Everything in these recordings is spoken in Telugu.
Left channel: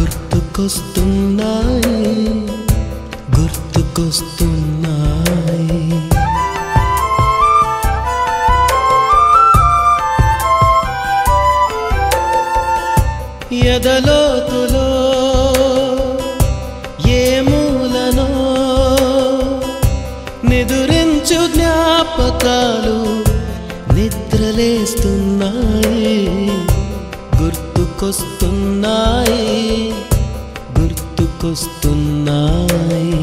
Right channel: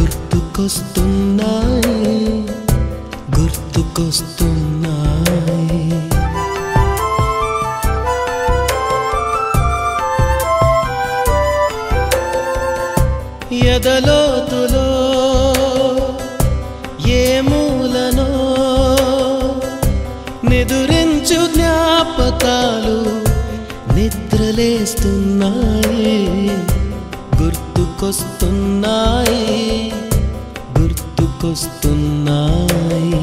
గుర్తుకొస్తున్నాయి గుర్తుకొస్తున్నాయి ఎదలోతులో ఏ మూలనో నిదురించు జ్ఞాపకాలు నిద్రలేస్తున్నాయి గుర్తుకొస్తున్నాయి గుర్తుకొస్తున్నాయి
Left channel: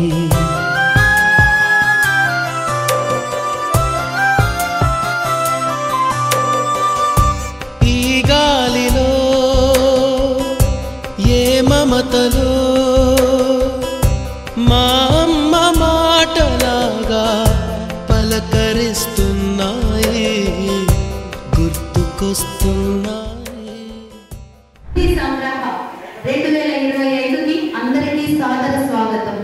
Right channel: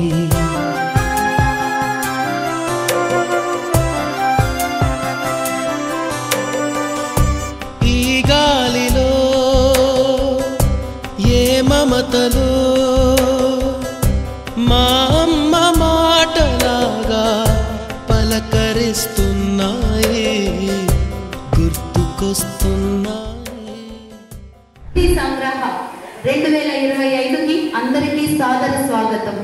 ఈ గాలిలో ఏ మమతలో మా అమ్మ మాటలాగా పలకరిస్తున్నాయి గుర్తుకొస్తున్నాయి. సంగ్రహ 2025కి అందరికీ సాదర స్వాగతం.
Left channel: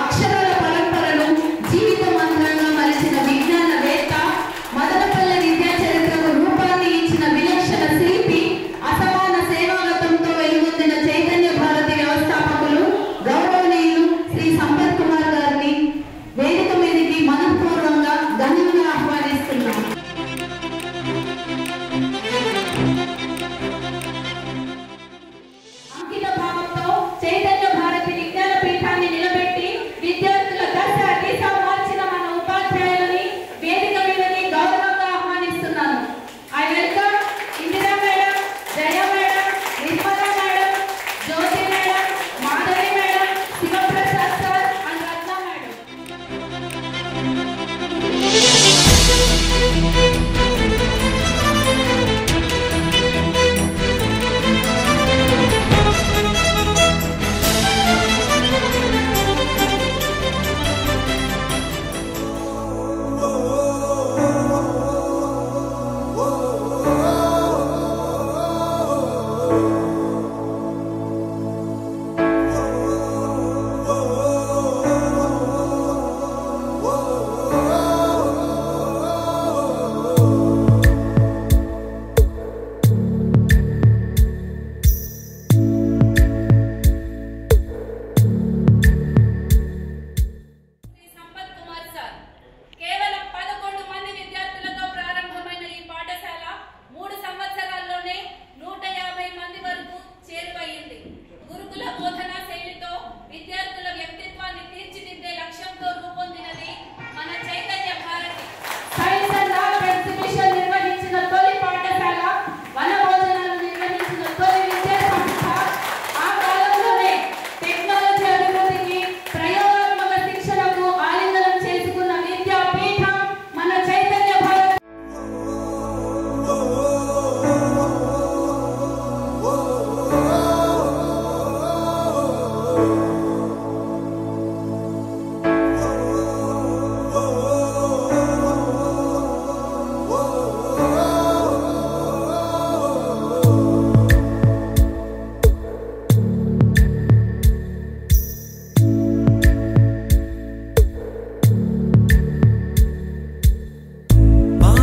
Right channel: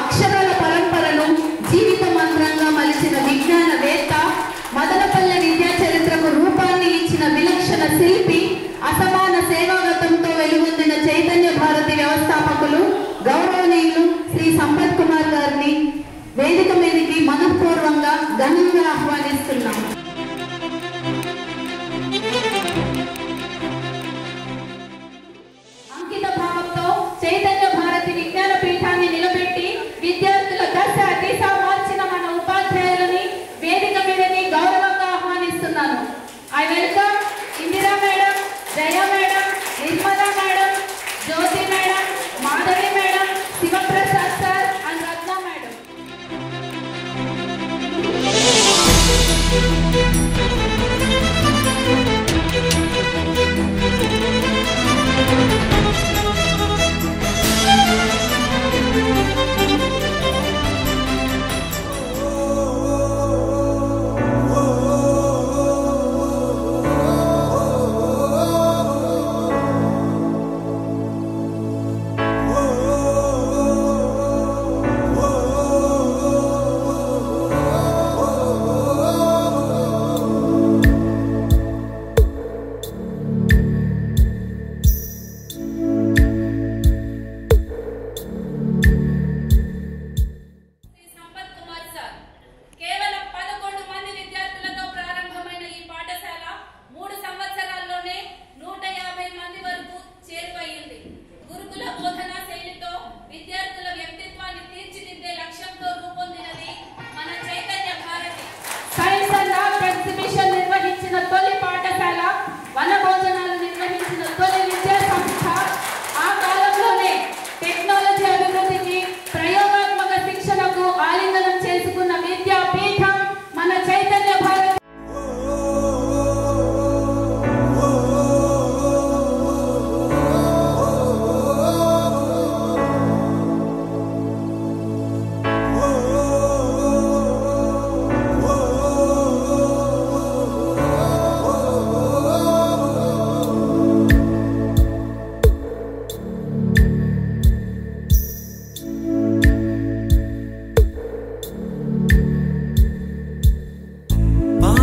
అక్షరాల పరంపరను జీవిత మంత్రంగా మలిచిన విజ్ఞానవేత్త, మదనపల్లె విద్యా చరిత్రకు రూపాన్ని ఇచ్చిన విలక్షణ శిల్పి, అసమాన సేవాగతంతో వెలుగొందిన చైతన్య భారతి వ్యవస్థాపకులు గౌరవనీయులు శ్రీ సంపత్ కుమార్ గారిని వేదిక మీదకి మనఃపూర్వంగా ఘనంగా ఆహ్వానిస్తున్నాం. అంకిత భావంతో చైతన్య భారతి విజ్ఞాన పీఠాన్ని నిలబెట్టి విద్యార్థుల దశ దిశ మార్చిన మన ఉపాధ్యాయులని వేదిక మీదకి గౌరవంగా ఆహ్వానిస్తున్నాను. I welcome Indira madam, Jaya madam, Nirmala madam, Jyothi madam, Madhavi madam, Shivaprasad sir and Ratna madam.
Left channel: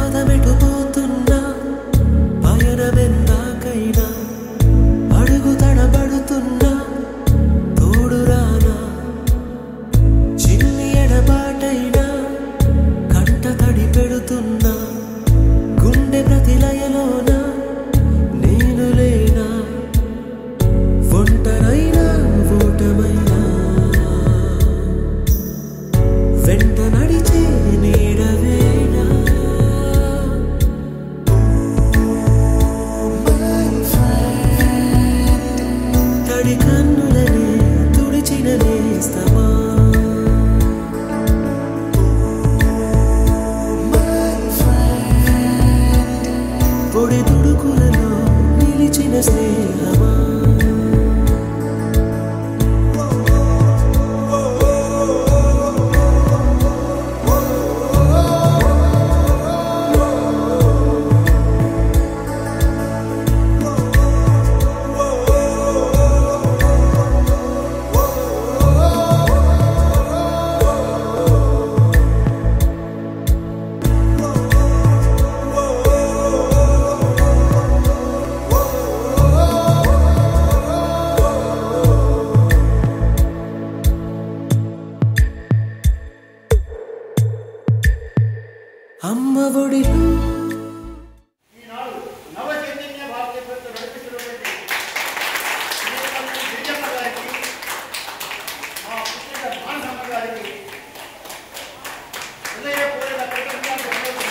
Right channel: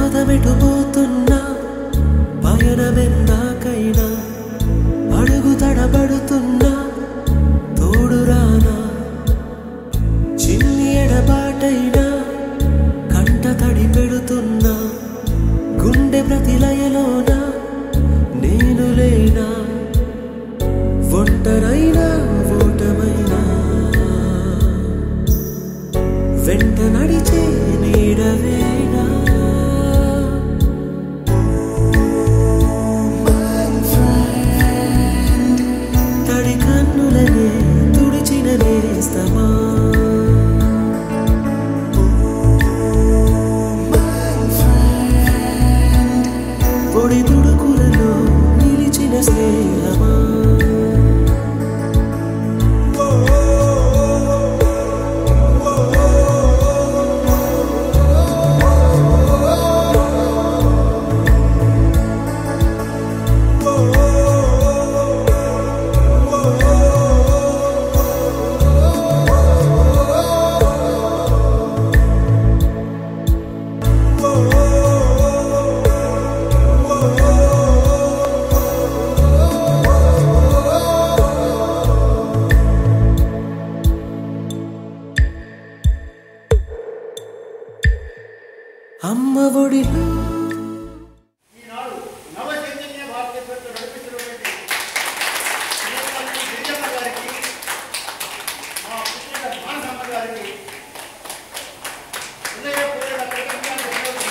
పాదమెటుపోతున్నా పయనమెందాకైనా అడుగు తడబడుతున్నా తోడురానా చిన్ని ఎడబాటైనా కంట తడి పెడుతున్నా గుండె ప్రతిలయలోన నేను లేనా ఒంటరైనా ఓటమైనా వెంట నడిచే నీడవేనా తడి కన్నులనే తుడిచిన నేస్తమా పొడి తుడుకులలో నిలిచిన స్నేహమా ఒడిలో ఈనాడు నవ చైతన్య భారతీయ ప్రభుత్వం నడిపిస్తున్నటువంటి గిరిజమ్మ గారికి, మా పుట్టిన మానసమ్మ గారికి హృదయపూర్వక కృతజ్ఞతలు.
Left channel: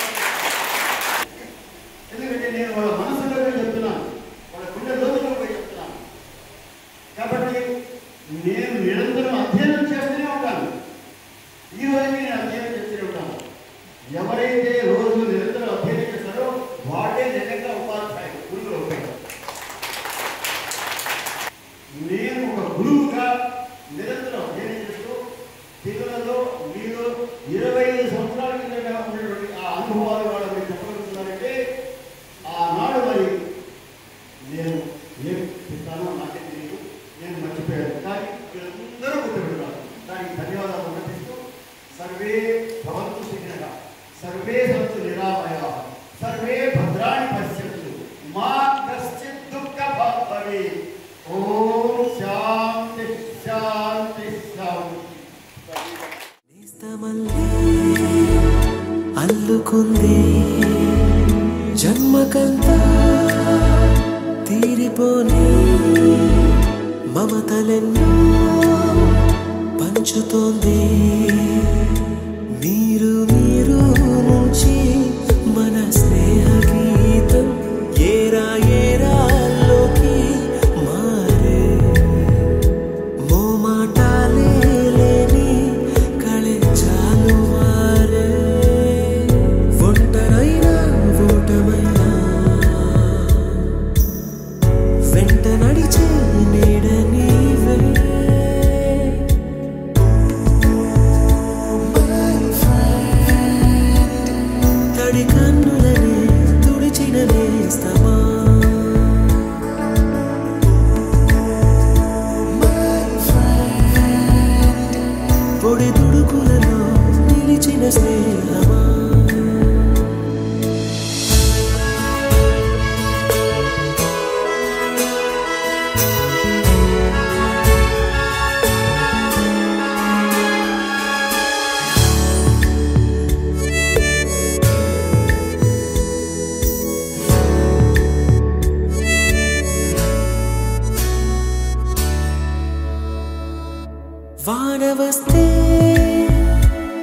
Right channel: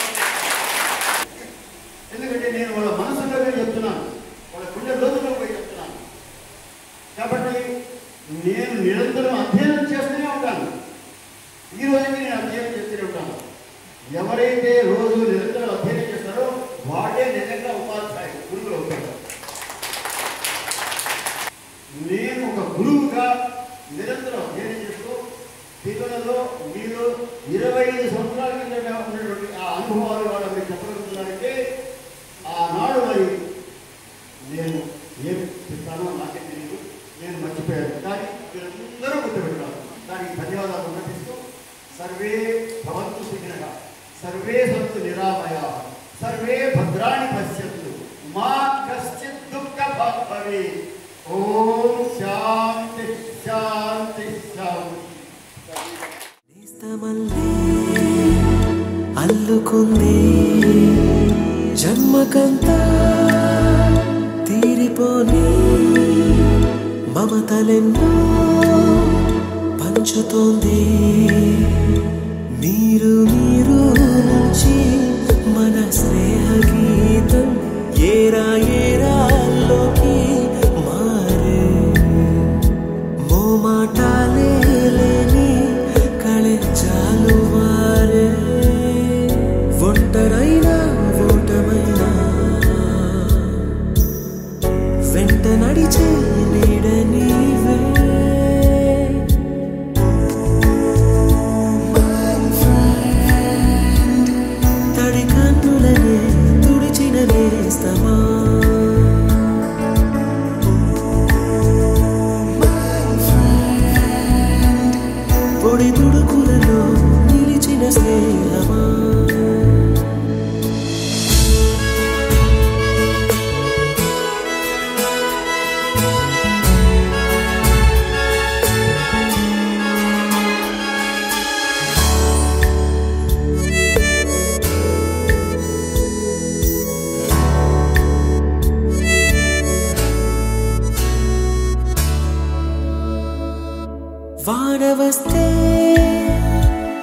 ఎందుకంటే నేను వాళ్ళ మనసులో పోయి చెప్తున్నాను, వాళ్ళ గుండె లోతులో పోయి చెప్తున్నాను. కాబట్టి నేను నిరంతరం అధ్యయనం చేస్తూనే ఉంటాను. ఈ రోజుకి నేను అధ్యయనం చేస్తూనే ఉంటాను. ఎవరైతే రోజు నిరంతరం అధ్యయనం చేస్తారో వాడే నిజంగా ఉపాధ్యాయులు, గురువులు అవుతారు. నేను ఒక గురువుగా నిరంతరం అధ్యయనం చేస్తూ పిల్లలలో మీరు 25 సంవత్సరాల కింద ఉన్నటువంటి ఆ అనుభవాలు వాళ్ళు మీరు చెప్పగలుగుతున్నారంటే ఆనాడు మరి నేను ఏం చెప్తానో నాకే తెలియదు, నేను మర్చిపోయాను. కానీ మీరందరూ గుర్తుపెట్టాలి. దానికి ధన్యవాదాలు సమర్పిస్తూ సర్వే భవంతు సుఖినః, సర్వే సంతు నిరామయాః, సర్వే భద్రాణి పశ్యంతు, మా కశ్చిత్ దుఃఖభాగ్ భవేత్. ఓం శాంతి శాంతి శాంతి. నేస్తమల్లే అల్లుకుంది జన్మకంతా తీరిపోని మమతలెన్నో పంచుతోంది. మీరు మీరు నుంచి మన స్నేహ గీతం ఏరా ఏరాల్లోకి మారే. మోమాటాలే లేని కళెజాలు వారే. ఒంటరైనా ఓటమైనా వెంట నడిచే నీడ నీవే. తడి కన్నులనే తుడిచిన నేస్తమా, పొడి తుడుకులలో నిలిచిన స్నేహమా. వాన వస్తే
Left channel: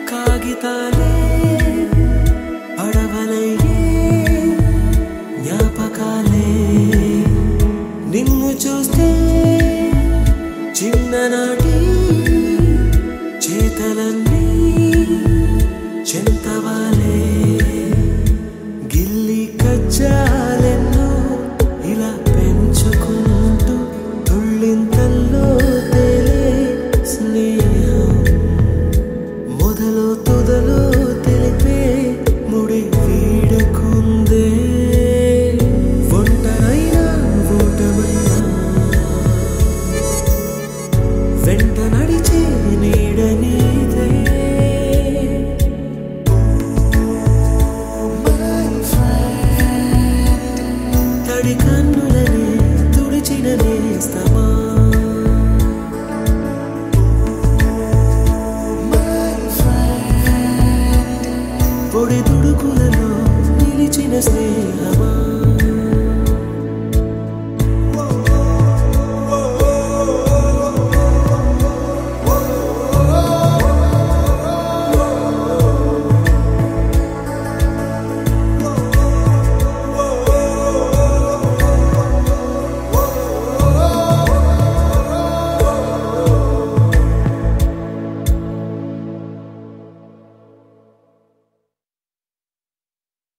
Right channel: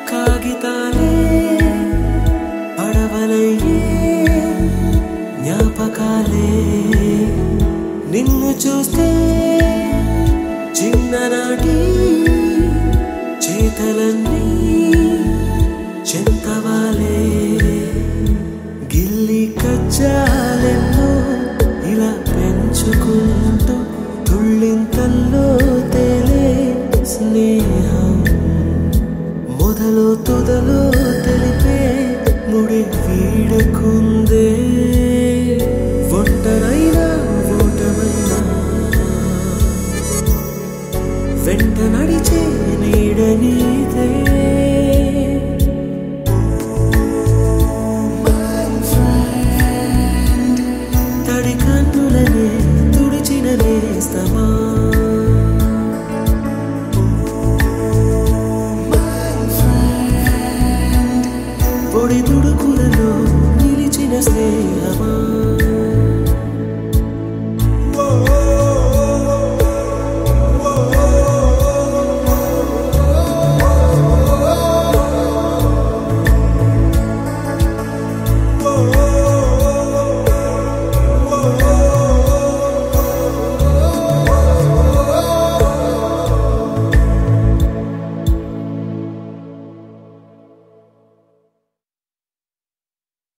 కాగితాలే పడవలయ్యే జ్ఞాపకాలే. నిన్ను చూస్తే చిన్ననాటి చేతలన్నీ చెంతవాలే. గిల్లి కజ్జాలెన్నో ఇలా పెంచుకుంటూ తుళ్ళింతల్లో తేలే స్నేహం. మొదలు తుదలో తెలిపే ముడి వీడకుందే. ఒంటరైనా ఓటమైనా వెంట నడిచే నీడ నీదే. తడి కన్నులనే తుడిచిన నేస్తమా, పొడి తుడుకులలో నిలిచిన స్నేహమా.